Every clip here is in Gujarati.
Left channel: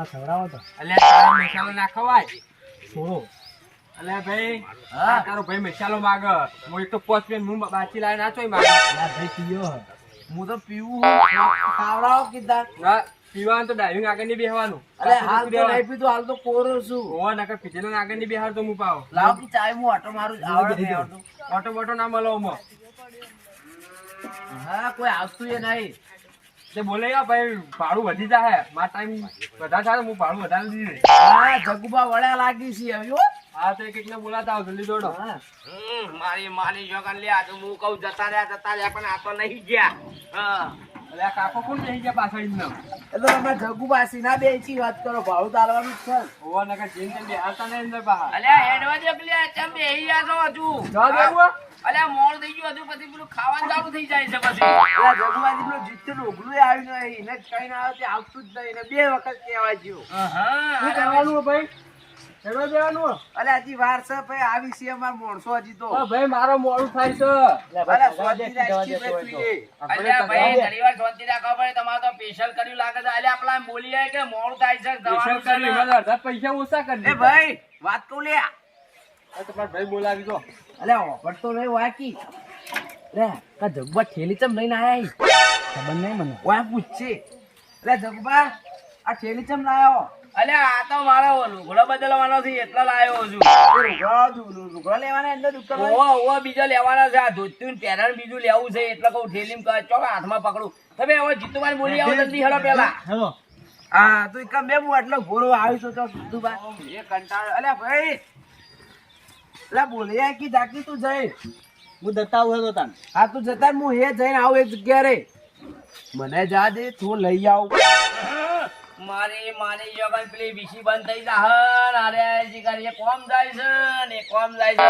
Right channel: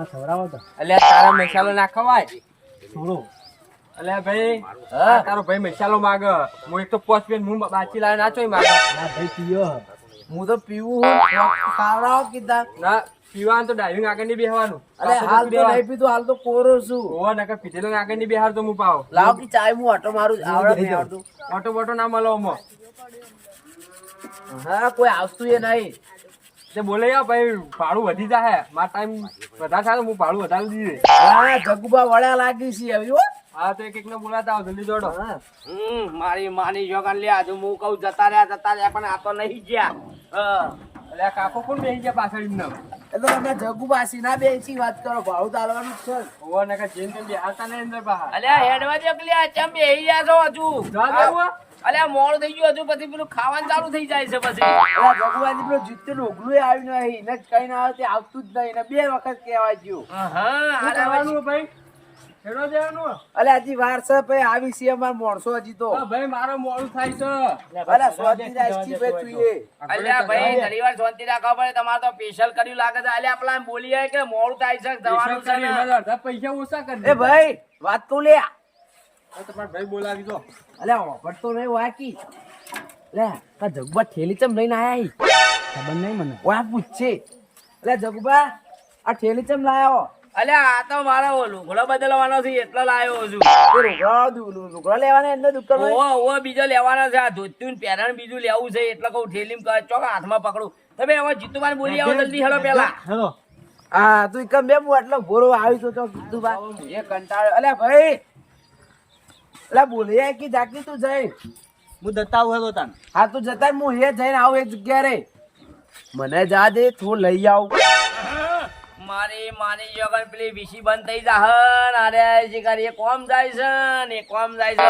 દાણા ખવડાવો તો. અલ્યા તારો મસાલો ના ખવાય? છોડો. અલ્યા ભાઈ હા તારો ભાઈ મસાલો માગ. હું એક તો પોચ પેન હું બાચી લાવે નાચો માગ. ના ભાઈ પીયો હું. તો પીવું હું. ખાવડાવો કીધા. ના પીવાનું તો ડાઇવિંગ આગળ નહીં બેહવાનું. અરે હાલ તો નહીં પીધું હાલ તો કોરો છું. હોવા નકર પીધેલો આગળ નહીં બેહાર તો હું પાવ લાવ કે ચાય હું ઓટો મારું આવડે નહીં આવડતું ઓટો બોટો ના મળો હા કોઈ આવતું એ નહીં. તે બોલે યા ભાઈ ભાડું વધી જાય મારા ટાઈમ વધારે થાય હું ભાડું વધારે દીધે હા જગુબા વળ્યા લાગી છે હવે હા. તો એક એક ને બોલાતા આવો જલ્દી દોડો. હા. હમ, મારી માની જોગન લે આજુ હું કહું જતા રહ્યા જતા રહ્યા પણ આ તો નહીં ગયા. હા. અલ્યા કાકો કોણ બેસી ગયા પાછળ એમને? એટલે તમે જગુબા સીના બેસી વાત કરો ભાડું તો જ છે. ને. નકર જેમ તેમ બેહારતા નહીં અંદર બહાર. અલ્યા હેડવા દે પેલી આ ચમ બેહી ગયા છો હજુ? હે? અલ્યા થઈ ગયું હજુ પછી પેલું ખાવાનું ચાલુ થઈ જાય છે પછી. જગુબાજી પેલું ઓગલું આવ્યું નહીં એને જ કઈ ના આવે તે આવતું જ નહીં બે વખત કહેવાય ગયું. હા, શું કરવાનું ભાઈ? હેડવા દેવાનું. અલે હજી વાર છે ભાઈ આવી છે અમાર મોણસો હજી તો. ભાઈ મારો મોડું થાય છે. અલે સ્વાદી રાજકી ભાઈ તું. અલ્યા ભાઈ ઘણી વાર શાંતિ રાખવા પડે તમારે તો સ્પેશિયલ કર્યું લાગે છે. અલ્યા બોલી બોલીએ કે મોડું થાય છે સ્પેશિયલ કર્યું છે કરી ને. મારા અડધા પૈસા ઓછા કરી એ ભાઈ વાત કહું લે. તમારા ભાઈ બોલાવી દો. અલે વાપરતો નહીં વાકી. લે કા જગબા ઠેલી ચમ લઈને આયા? ખબર નહીં મને. વાહ પૂછશે અલે જગબા આ ઠેલી ચમ લાયો અલ્યા આ તો મારો લુગડો બદલવાનો છે એટલો લાયો છું. લુગડો લેવાના અંદર દુકાન ઓવો ઓવો બીજો લેવાનો છે આ ધોતું ને પેરણ બીજું લેવું છે એટલે કહું ઠેલીમ કહે ચોક હાથમાં પકડું. તમે હવે જીતુભાઈ બોલી આવો જલ્દી હેલો પેલા. હેલો. હા તું કમ બે હું આટલો ભોરો આવી છું તો કીધું એ કંટાળો અલે ભાઈ. અલે બોલ્યા કે જાકી તું જઈ. હું દત્તા આવ્યો તો તાન. હા તું જતા હું હે જઈને આવું એક જગ્યા રે. મને જા દે તું લઈ આવ. મારી માની જોગન પેલી વીસી બંધ થઈ જાહન અરે જીગર એ કોમ જાય છે ને એ કોમ જાય છે.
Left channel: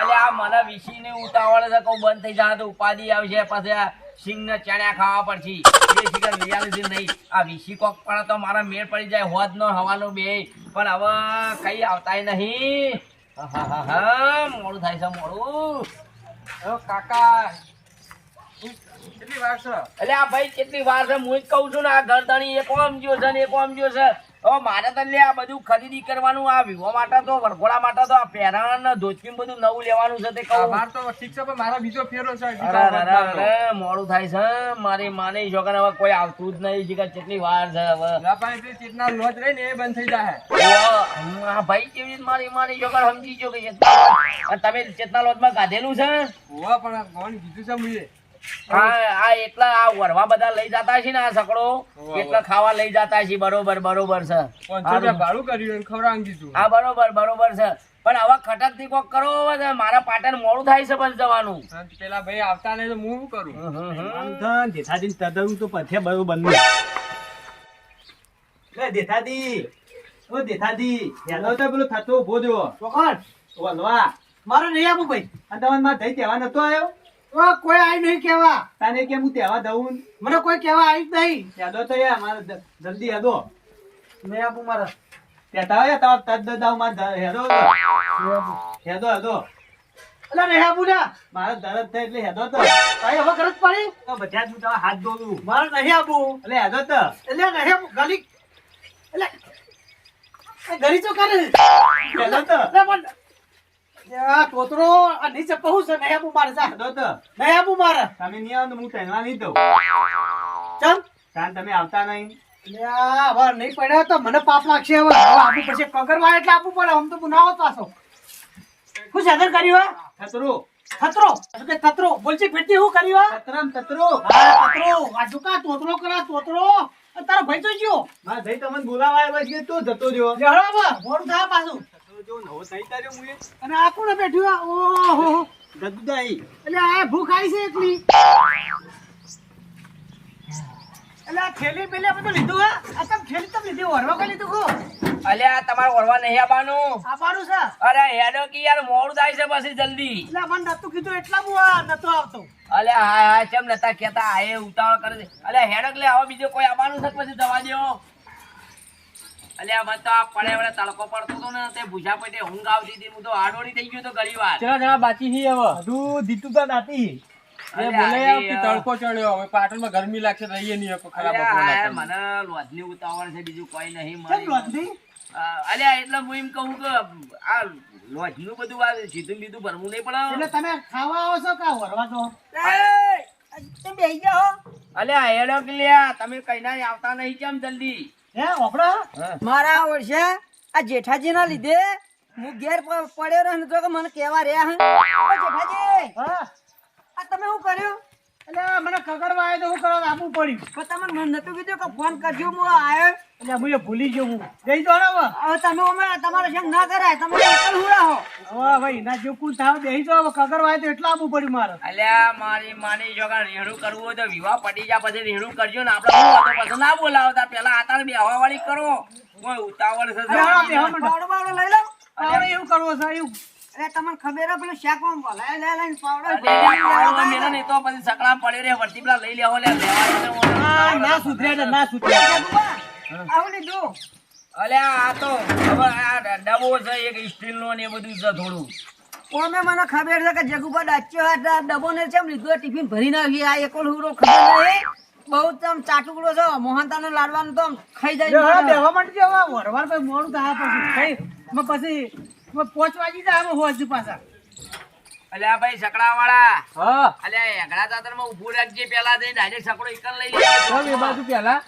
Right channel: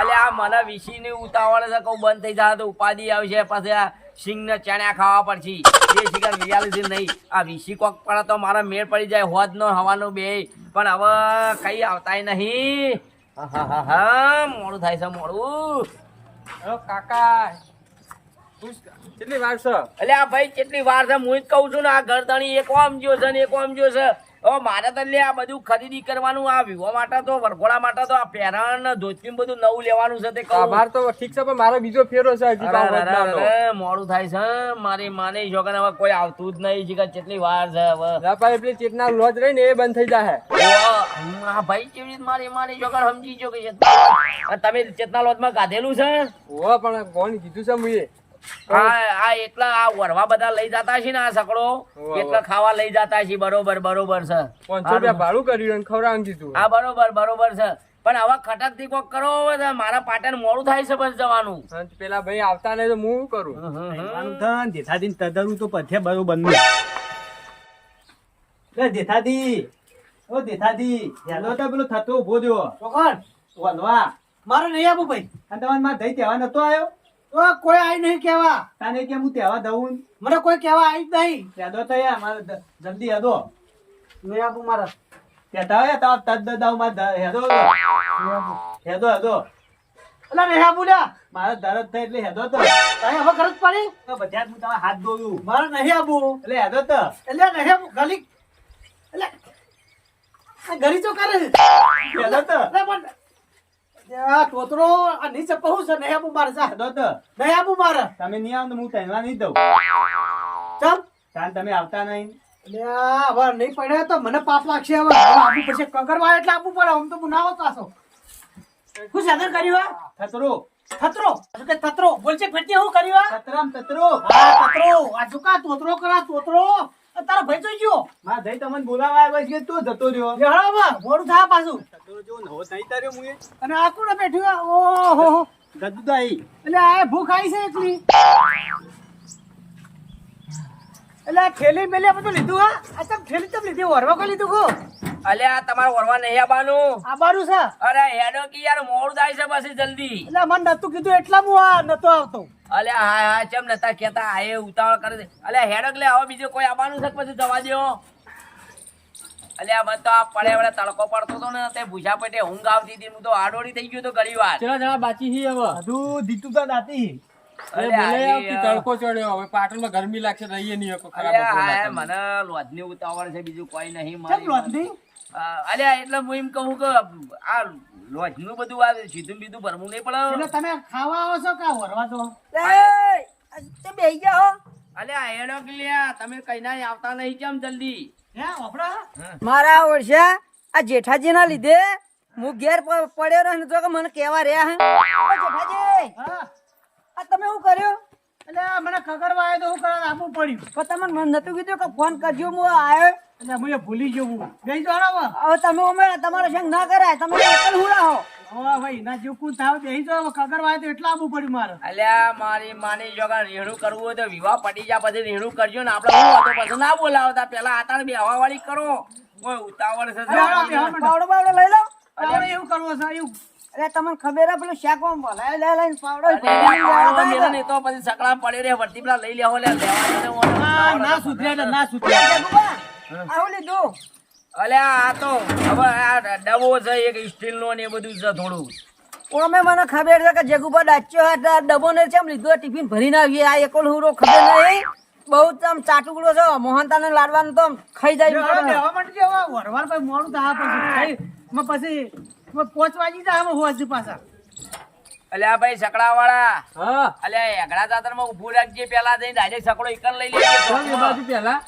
એટલે આ મને વીસી ને ઉતાવળ છે કહું બંધ થઈ જાય તો ઉપાધિ આવશે પછી સિંગ ને ચણ્યા ખાવા પડશે. એ જીગર રિયાલિટી નહીં. આ વીસી કોક પણ તો મારા મેળ પડી જાય હોદ નો હવાનો બે. પણ હવે કઈ આવતાય નહીં. હા હા હા મોડું થાય છે, મોડું. કાકા. કેટલી વાર છે? એટલે આ ભાઈ કેટલી વાર છે? હું જ કહું છું ને આ ગરદણી એક ઓમ જ્યો છે ને એક ઓમ જ્યો છે. હવે મારે તો લે આ બધું ખરીદી કરવાનું આ વિવો માટે તો વરઘોડા માટે તો આ પહેરણ ને બધું નવું લેવાનું છે તે કહું. અમાર તો ઠીક છે પણ મારો બીજો ફેરો છે હજી અરે, તો અરે, અરે, અરે, મોડું થાય છે મારી માની છોકરા હવે કોઈ આવતું જ નહીં છે કેટલી વાર છે હવે. પેલી ચેતના લોજ રહી ને એ બંધ થઈ જાય હા ભાઈ કેવી રીતે મારી માની છોકરા સમજી ગયો કે તમે ચેતના લોજમાં ગાધેલું છે? પણ કોણ કીધું છે મુએ આ આ એટલા આ વરવા બધા લઈ જતા છે ને આ સકડો. એટલા ખાવા લઈ જતા છે બરોબર બરોબર છે. ભાડું કર્યું અને ખવડાવવાનું હા બરોબર બરોબર છે. પણ હવે ખટકથી કોક કરો મારા પાટણ મોડું થાય છે બસ જવાનું. પેલા ભાઈ આવતા ને તો હું કરું? ધન જેઠાજી તદન તો પથે બરોબર બંધ લે જેઠાજી ઓ જેઠાજી હેલો તો પેલું થતું ઊભો જો કોણ વલવા મારો નહીં આપું ભાઈ. અને તમારે માં જઈ જવા નતો આવ્યો? તો કોઈ આવી નહીં કેવા તાને કે હું તહેવાર દઉં મને કોઈ કેવા આવી જ નહીં યાદો તો યાર મારે જલ્દી યાદો નહીં આપું મારા કહેતા હોય તાર તદ દાવમાં હેદો હેદો હેદો એટલે નહીં આપું લ્યા મારે દરદ થાય એટલે હેદો તો તારી હવે ગરજ પડી આ બધા હું હાથ દોરું મારે નહીં આપું એટલે હેદો તો એટલે નહીં ગાલી એટલે ગરી તો કરે હેદો તો તોતરો આ નીચે પહોંચ છે નહીં આપું મારે જા. હેદો નહીં આપું મારે. તમે નહીં આવો હું તહેવાર નહીં દઉં. ચમ? કારણ તમે આવતા નહીં. હવે નહીં પડ્યા તો મને પાપ લાગશે હવે. આપું પછી એટલે આપવું પડે. આમ તો બનાવો પાછો શું સાધન કર્યું હે? થતરો. શું કે થતરો? બોલશે ફેરતી શું કર્યું હા? તતરો આ તોતરો કરા તોતરો તારો ભાઈ તો ગયો. મારા ભાઈ તમને બોલાવા આવ્યો છે તું જતો રહ્યો. જહળામાં મોડું થા પાછું. ખતરો જો નવો થઈ તારે હું અને આ કોણ બેઠું? હે? ઓહો ગદુદાઈ. એટલે આ ભૂખ આવી છે એકલી. એટલે આ થેલી બેલે બધું તો લીધું હા. આ તમ થેલી તમ લીધી? ઓરવા કઈ લીધું કો અલે આ તમારે ઓરવા નહીં આવવાનું. આ છે? અરે હેડો કે યાર મોડું થાય છે પછી જલ્દી. એટલે મને નતું કીધું એટલા હું નતો આવતો. અલે હા હા ચમ નતા કેતા આ એ ઉતાવળ કરે છે. અલે હેડક લે હવે બીજો કોઈ આવવાનું છે પછી જવા અલે આ પડે વડે તડકો પડતો હતો ને તે ભૂસા પેટે ઊંઘ આવતી હતી હું તો આડોડી થઈ ગયો તો ઘણી વાર. જણા બાકી છે હવે. દીતું તા દાતી એ બોલે કે તડકો ચડ્યો હવે પાટણમાં ગરમી લાગશે રહીએ નહીં ખરાબ. મને લોજની ઉતાવળ છે બીજું કોઈ નહીં. અલ્યા એટલે હું એમ કહું કે આ લોજનું બધું આ સીધું બીધું ભરવું નહીં એટલે પડે તમે ખાવા આવો છો કા વરવા તો તે બેહી જાઓ. અલ્યા હેડો કે લ્યા તમે કઈ ના આવતા નહીં કેમ જલ્દી? હે ઓપડા મારા વર્ષે આ જેઠાજી ના લીધે હું ઘેર પડ્યો રહ્યો ને તો કે મને કેવા રહ્યા હે. જેઠાજી હા આ તમે શું કર્યું? એટલે મને કગરવા આવ્યો તો હું કરવા આપવું પડ્યું. તો તમે મને નતું કીધું કે ફોન કરજો હું આવ્યો એટલે હું ભૂલી ગયો હું. ગઈ તો હવે. હવે તમે અમે તમારો સંગ ના કરાય તમે એકલ હુડાવો હવે ભાઈ ના જો કું થાવ? બેહી તો હવે કગરવા આવ્યો તો એટલા આપવું પડ્યું મારે. અલ્યા મારી માની જો રેડું કરવું હોય તો વિવાહ પડી જા પછી રેણું કરજો ને. આપણે હતું પછી ના બોલાવતા. પેલા આતાર બેહવા વાળી કરો. કોઈ ઉતાવળ છે લઈ લો. એવું કરવો છે એવું. અરે તમને ખબર હે પેલું શાકમાં બોલાય લે લઈને પાવડો મેલો ને તો પછી સકડા પડે રે વર્તી પેલા લઈ લેવો લે લેવાય ને ઓલો. આ ના સુધર્યા છે, ના સુધર્યા આવું લીધું અલ્યા આ તો હવે આ ડબો છે એક સ્ટીલ નો ને બધું છે થોડું. ઓમે મને ખબર છે કે જગુપા ડાચ્યો હતા ડબ્બો ને ચમ લીધો ટિફિન ભરીને આવી આ એકલ હુરો ખબર નહીં. બહુ તમ ચાટુકડો છે મોહનતા ને લાડવાનું તો ખાઈ જાય વરવાર પછી મોડું થાય પછી પોચ વાગી જાય અમે હોજ પાછા. અલ્યા ભાઈ સકડા વાળા હા. અલ્યા એગડા ચાદરમાં ઉભું રાખજે પેલા જઈને ડાયરેક્ટ સકડો એકલ લઈ ચાલ એ બાજુ પેલા.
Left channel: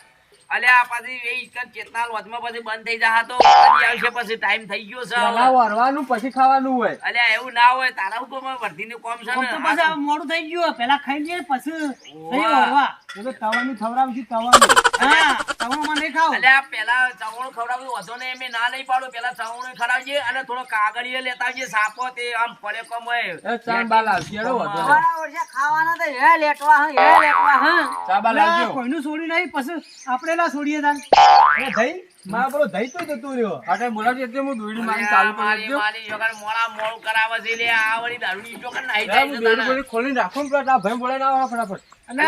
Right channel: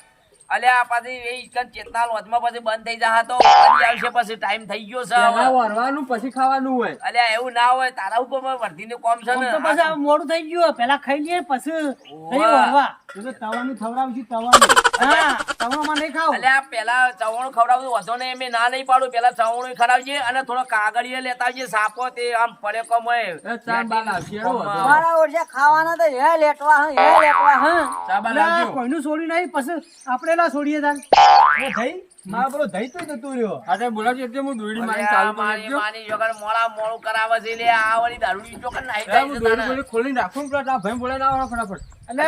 અલ્યા પછી એ ઇકન ચેતના લોજમાં પછી બંધ થઈ જા તો આવશે પછી ટાઈમ થઈ ગયો છે. વરવાનું પછી ખાવાનું હોય. અલ્યા એવું ના હોય તારા હુકમ વર્ધી નું કોમ છે ને. તો પછી મોડું થઈ ગયું પેલા ખાઈ લઈએ પછી વરવા. તો તવાનું ખવડાવશું તવાનું. હા. તવામાં નહીં ખાવ. અલ્યા પેલા ચવણું ખવડાવવું વધો ને એમ ના નહીં પાડું. પેલા ચવણું ખવડાવજે અને થોડો કાગળીએ લેતા આવજે સાપો તે આમ પડે કમ હોય. એ ચાર બાલ આવશે એડો વધો. નહીં. મારા વર્ષે ખાવાના તો હે લેટવા હે હે લેટવા હે. ચા બાલ કોઈનું છોડી નહીં પછી આપણે ના છોડીએ તાન એ ધઈ મારા પેલો ધઈ તો જતું રહ્યો. હા બોલાવજો એટલે હું દોડી મારી ચાલુ કરી દેજો કરાવે છે લે આ વળી નાહી એ હું દોડી જાય રાખું ને પેલા ભાઈ બોલાવીને આવો ફટાફટ. અને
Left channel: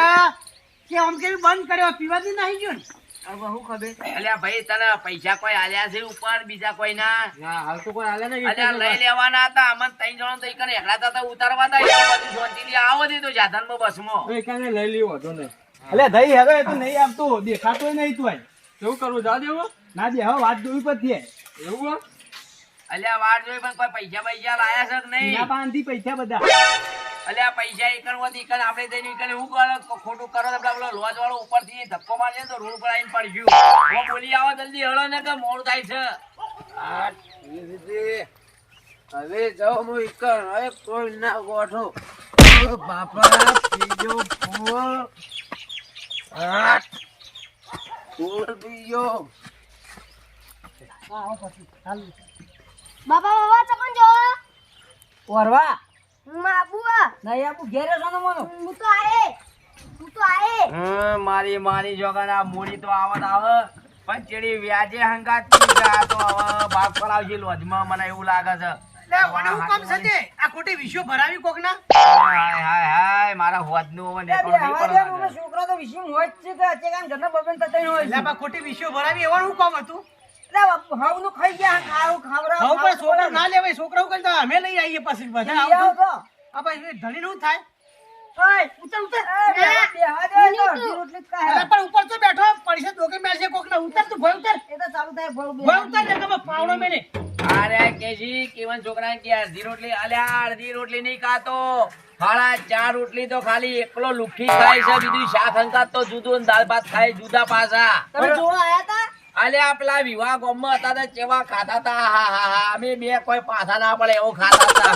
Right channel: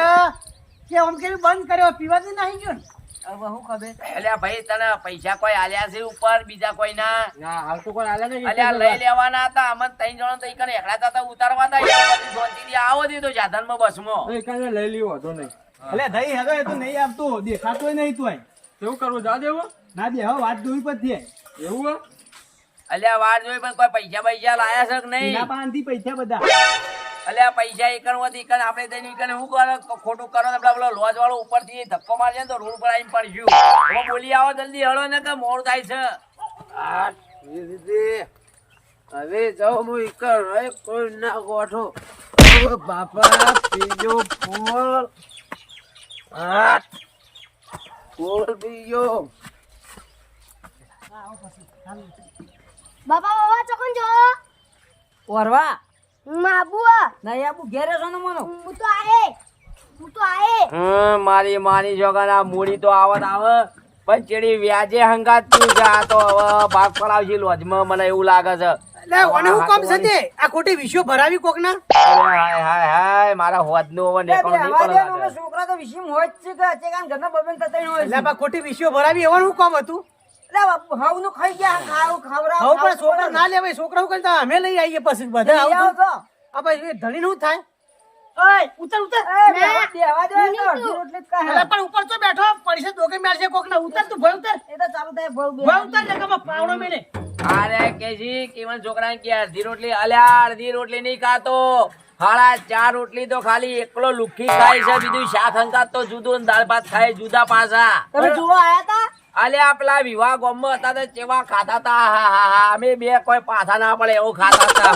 કે આમ કે બંધ કર્યો પીવાથી નહીં ગયો ને? હવે ખબર? અલ્યા ભાઈ તને પૈસા કોઈ આલ્યા છે ઉપર બીજા કોઈ ના ના હાલ તો કોઈ આલે ને અલ્યા લઈ લેવાના હતા અમન ત્રણ જણો તો ઈકન એકલા હતા ઉતારવા હતા એટલે આવો દીધો જાધનમાં બસમાં. એકાને લઈ લ્યો હતો નહીં. એટલે ધઈ હેરો એ તો નહીં આવતો દેખાતોય નહીં તું કેવું કરવું જા દેવું. ના દે હવે વાત જોવી પછી એવું અલ્યા વાત જોઈ પણ કોઈ પૈસા પૈસા લાયા છે કે નહીં? પાસેથી પૈસા બધા. અલ્યા પૈસા ઈકન હોત ઈકન આપણે દઈને ઈકન શું કરો? ખોટું કરો તો પેલો લોજ વાળો ઉપરથી ધક્કો મારશે ને તો રોડ પર આવીને પડશું હું બોલી આવો જલ્દી હળો ને કે મોડ થાય છે. આ દીદી હવે જાઓ હું એકણ હવે કોઈ ના ગોઠો. બાપા બીજો ફૂલ. આ ફૂલ બીજો. બાપા બાબા ચોકન જો વરવા મારી માની જોગન આ મૂડી તો આવત આવે. પણ ચેડી વ્યાજે હંગાત આ તો હવે ભાગ પડાવશે લોજમાં મને એવું લાગે છે. મને હું કામ છે આ ખોટી વિશ્વ ભરાવી કોક ના? હાય હાય હાય મારા હોદનો હવે બે નેકળો નહીં હવા દે ને. છોકરા તો વિશેમ હોય જ છે કે અચે કાન ઘરના બબન હોય ખોટી વિશ્વ ભરાવી એવાનું હું કામ હતું? એટલે બાપુ હાવનું ખાઈ ગયા ખાવ ખાવરાવ હવે પણ છોકરા ના લેવાય છોકરા હું કરતા અમે લઈ આવીએ પછી બધા લઈ તો આ ભાઈ ધણી નું થાય. ઓય ઉતર ઉતર. એ દે રોટલી જ ખાય. પણ ઉપર તો બેઠો પૈસા દોકે મેળશે કોક ના ઉતર તું ભય ઉતર. એ તો ચાલુ થાય બહુ ભય ઉતર ને તમે પાવડો મેલે. અરે કેજી કેવન છોકરાને કે અડધી રોટલી અલ્યા અડધી રોટલી નહીં ખાતો. હાડા ચાર રોટલી તો ખાલી એકલો લુખી ખાય છે બીજું શાક હંકાત તો જુદું દાળ ભાત ખાય જુદા પાછા તમે જોવા આયા તા? અલ્યા આપલા વિવાહ ગામમાં હતા ને ચેવા ખાતા તા હા હા હા અમે બે કોઈ પાછા ના પડે એવું ખાતા તા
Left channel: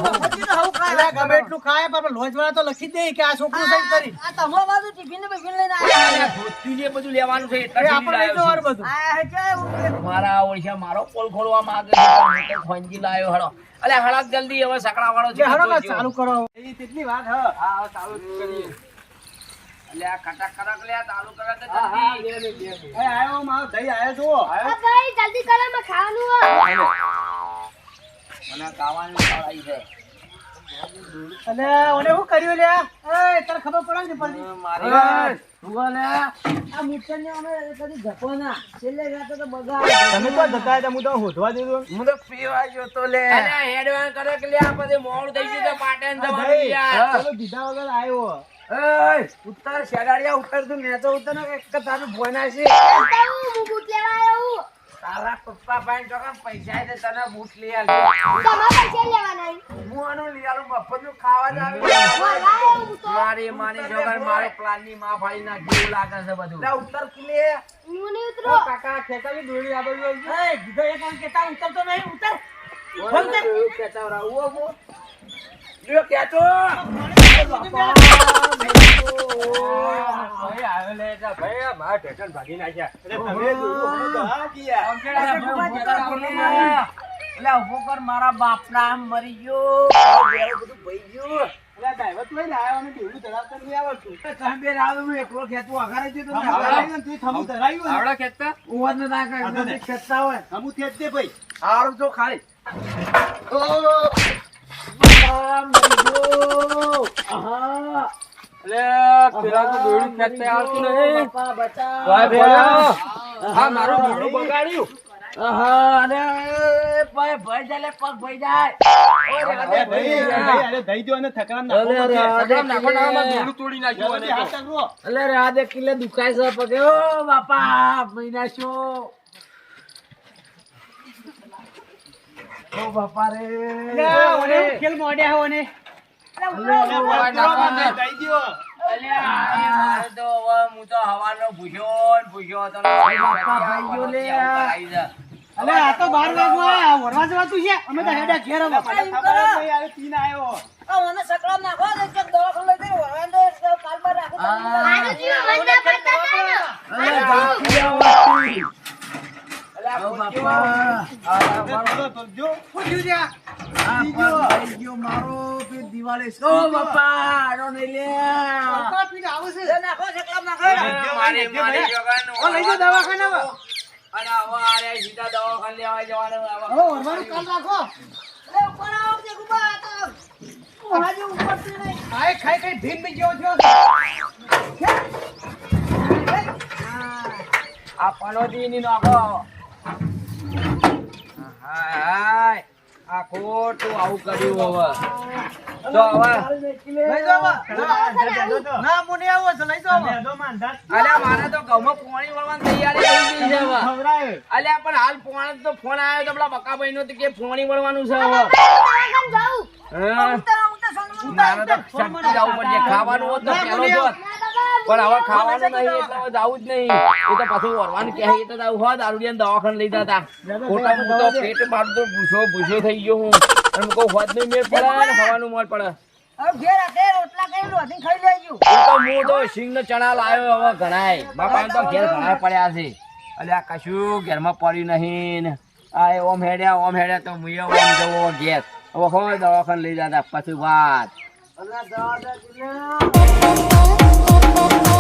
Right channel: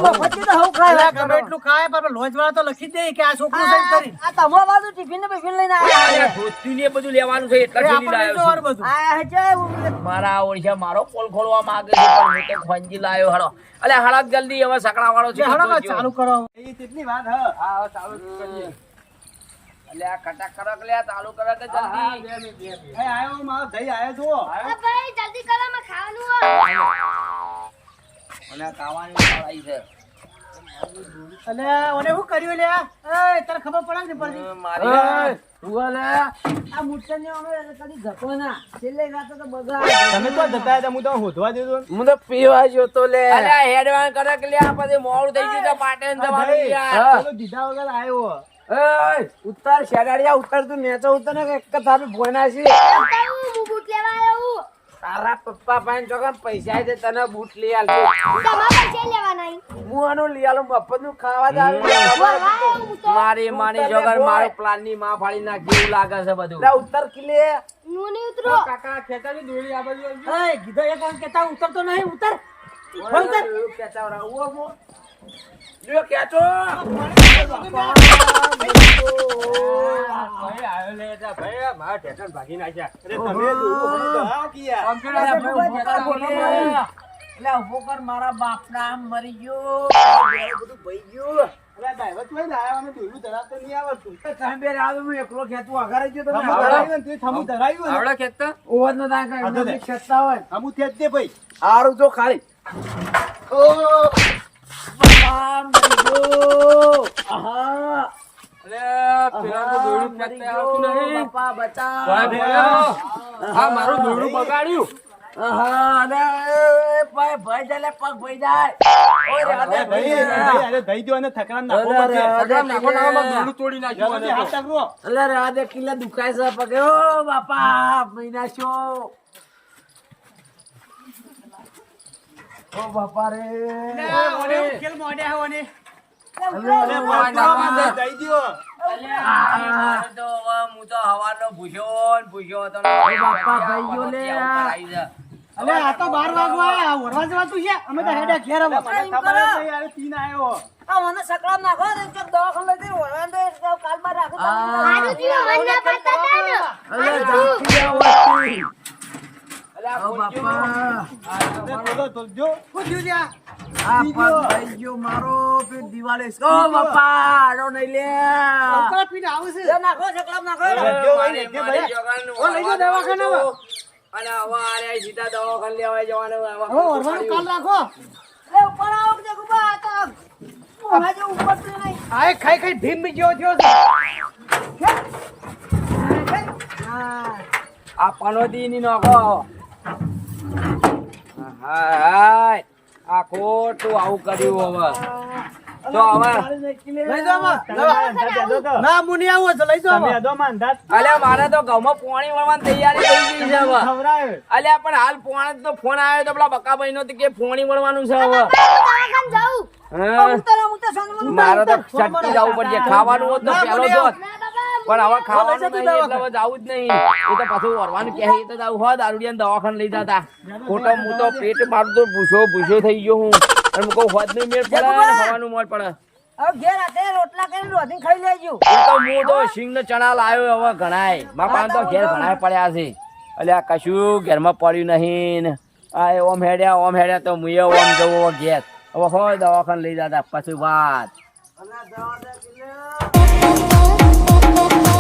ખાય. ગમે એટલું ખાય પણ લોજ વાળા તો લખી જ દે કે આ છોકરું છે કરી. આ તમો બાજુ ટિફિન ને બિફિન લઈને આવ્યા. અરે ને બધું લેવાનું છે એટલે આપણે લઈ લાવ્યો બધું. આયા છે એવું મારા ઓળખ્યા મારો પોલ ખોલવા માંગે છે પણ તો ખંજી લાયો હળો. અલે હળક જલ્દી હવે સકડા વાળો છે હળો ચાલુ કરો. એ તેટલી વાત હ. હા ચાલુ કરીએ. અલે આ કટક કરક લે ચાલુ કરક કે જલ્દી. બે મિનિટ બે એ આયો મારો ધઈ આયો તો આ ભાઈ જલ્દી કરો મે ખાવાનું મને ખાવાની ઉતાવળ છે. અલે ઓને હું કર્યું લે? એ તને ખબર પડે ને પડતી મારી એ, ઊભો લે. આ મૂર્છનને અમે કદી જતો ના. છેલ્લે રાતે તો બગા તમે તો જતા હતા હું તો હોધવા દેતો હું તો પીવા જોતો લે. અલે હેડવાન કરક લે આ પછી મોડું થઈ ગયું છે પાટણ જવાનું યાર ચલો દીધા વગર આવ્યો ઉત્તર શેગાડિયા ઉત્તર તું નેચો ઉત્તર ને એક તારું ભોયના છે હું બૂટ લેવા આવ્યો તારા પપ્પા પાસે તો પૈસા છે તને બૂટ લઈ આલજો. તમારા પૈસા લેવાના હું આનો લઈ આલું નું ખાવા તો. મારી માની જોગર મારો પ્લાનની માં ફાડી નાખી લાગે છે બધું. ઉત્તર કિલે. હું નહીં ઉતરો. કાકા ખેંચાવી દોડી આ બાજુ આવજો. એ કીધો એક વાર કેતા ઉતરતો નહીં ઉતર. જો કેતા ભાઈ આવ્યો લે kìa ભાઈ મારા બાપ તો ને. મારા બાપના આમ મરી ગયો. બધું ભઈ ગયું. અરે ડ્રાઈવર તોય લાયો અને દોરડું ધરાવતો નહીં આવડતું. તમે બે રાવ હું એકલો ખેંચું અઘારે ગયો તો ને થમું ઓવર ન થાય. ખેંચતા હોય. થમું દે ભઈ. સારું જો ખાલી. આહા મારું આહા મારું. રાધે કિલ્લે દુખાય છે પગે બાપા મહિના છો ઓ બાપા રે. ઓને. ખેલ મોઢે હો ને દવાખાને ખાઈ ખાઈ ભીમ બી જેવો થયો છે. આ પનોદી ની નોખો. હાય હાય. આ ખોટું આવું કર્યું હવે. તો હવે. લઈ જાઓ આમાં. તમે અડધો તો. ના હું આવું. તો લઈ જાઓ તમે આમાં. અડધો માં અંદાજ અલ્યા મારે તો ઘઉંમાં પોણી વળવાની તૈયારી થઈ ગઈ છે અલ્યા પણ હાલ પોણે તો ફોન આવ્યો તો પેલા બકાભાઈ નો કે પોણી વળવાનું છે હવે. મારે તો છટકી જવું પડશે ખાવાનું હોત તો પેલો જોત પણ હવે ખાવાનું નહીં એટલે હવે જવું જ નહીં. એ તો પાછું વરવાનું કહે એ તો હોય દારૂડિયા દવાખાને લઈ જતા. ખોટો હું તો પેટ મારું તો ભૂસો ભૂસો થઈ ગયો હું. એમ કહું હોત નહીં મેળ પડે ને ખાવાનું મોડ પડે. હું એટલે કશું ઘરમાં પડ્યું નહીં આ ઓમ હેડ્યા ઓમ હેડ્યા તો મુએ ઓમ જવો હવે હોય દવાખાને લઈ જતા પછી વાત. Oh.